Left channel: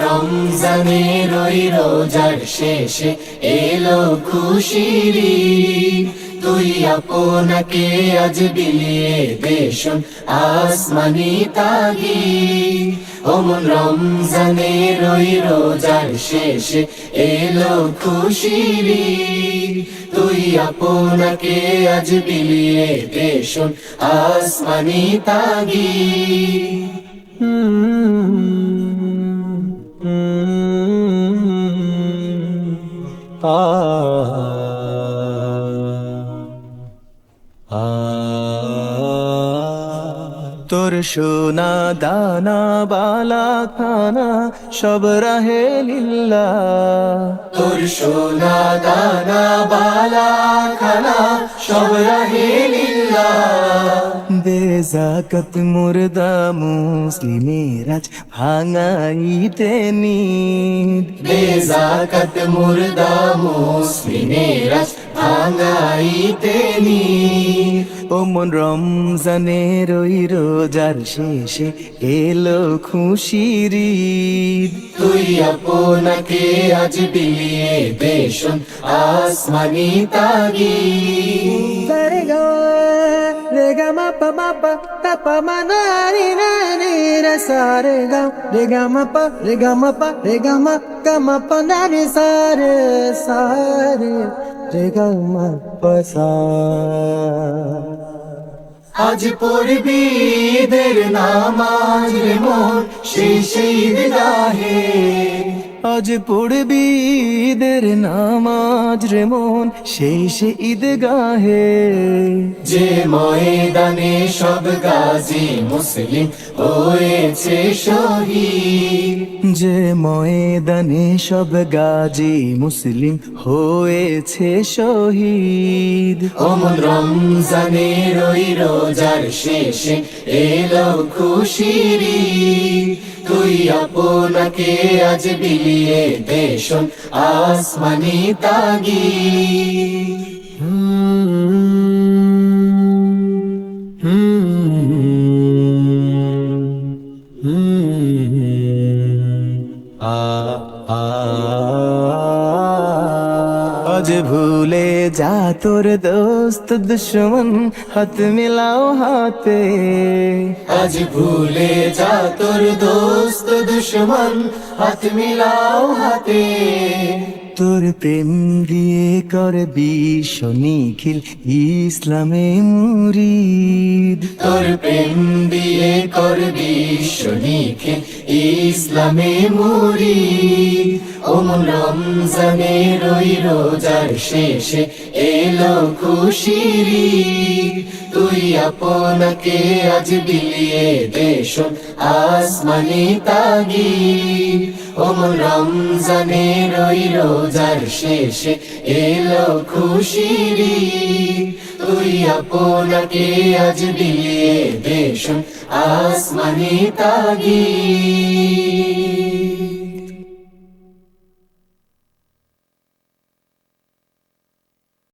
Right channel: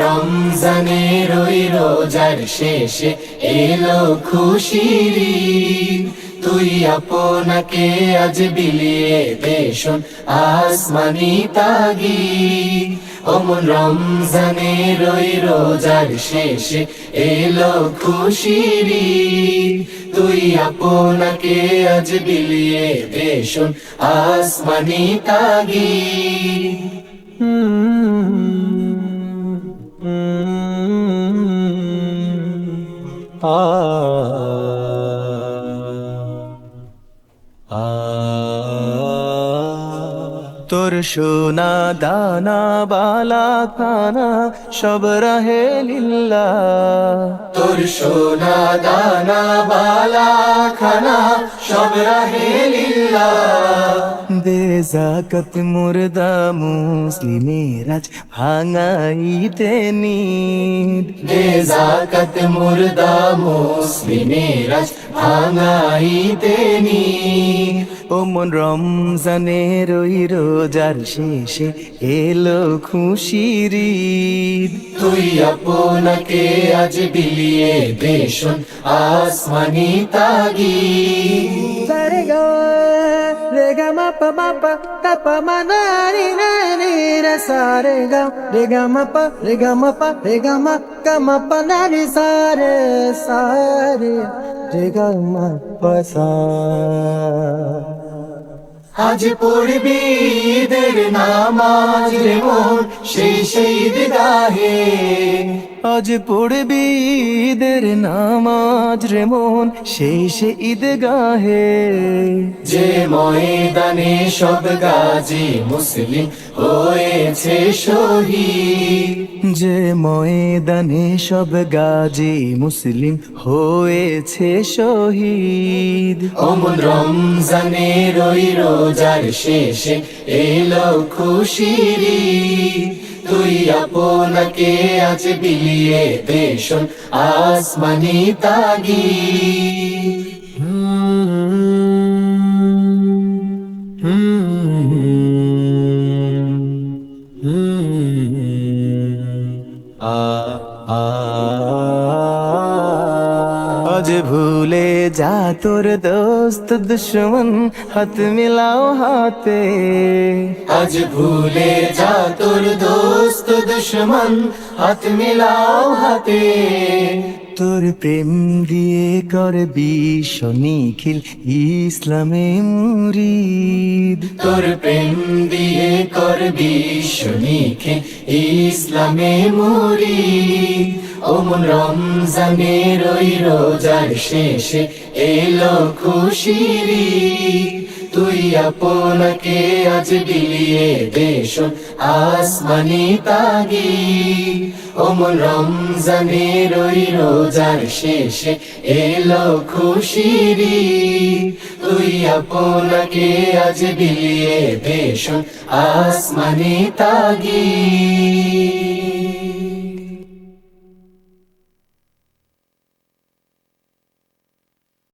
রমজানের ওই রোজার শেষে এলো খুশির ঈদ, তুই আপনাকে আজ বিলিয়ে দেশন আসমানি তাগিদ। ওমন রমজানের ওই রোজার শেষে এলো খুশির ঈদ, তুই আপনাকে আজ বিলিয়ে দেশন আসমানি তাগিদ। তোর সোনা দানা বালা খানা সব রাহে লিল্লাহ, তোর সোনা দানা বালা খানা সব রাহে লিল্লাহ। দে যাকাত মুর্দা মুসলিমের আজ ভাঙাইতে নিদ, দে যাকাত মুর্দা মুসলিমের আজ ভাঙাইতে নিদ। ওমন রমজানের ওই রোজার শেষে এলো খুশির ঈদ, তুই আপনাকে আজ বিলিয়ে দেশন আসমানি তাগিদ। রে গা মা পা মা না রে না রে রে সা রে গা রে গা মা পা রে গা মা পা রে গা মা পা না রে সা রে রে গা মা পা সা। আজ পড়বি ঈদের নামাজ রে মন সেই ঈদগাহে, আজ পড়বি ঈদের নামাজ রে মন সেই ঈদগাহে। যে ময়দানে সব গাজী মুসলিম হয়েছে শহীদ, যে ময়দানে সব গাজী মুসলিম হয়েছে শহীদ। ওমন রমজানের ওই রোজার শেষে এলো খুশির ঈদ, তুই আপনাকে আজ বিলিয়ে দেশন আসমানি তাগিদ। আজ ভুলে যা তোর দোস্ত দুশ্মন হাত মিলাও হাতে, আজ ভুলে যা তোর দোস্ত দুশ্মন হাত মিলাও হাতে। তোর প্রেম দিয়ে কর বিশ্ব নিখিল ইসলামে মুরিদ, তোর প্রেম দিয়ে কর বিশ্ব নিখিল ইসলামে মুরিদ। ওমন রমজানের ওই রোজার শেষে এলো খুশির ঈদ, তুই আপনাকে আজ বিলিয়ে দেশন আসমানি তাগিদ। ওমন রমজানের ওই রোজার শেষে এলো খুশির ঈদ, তুই আপনাকে আজ বিলিয়ে দেশন আসমানি তাগিদ।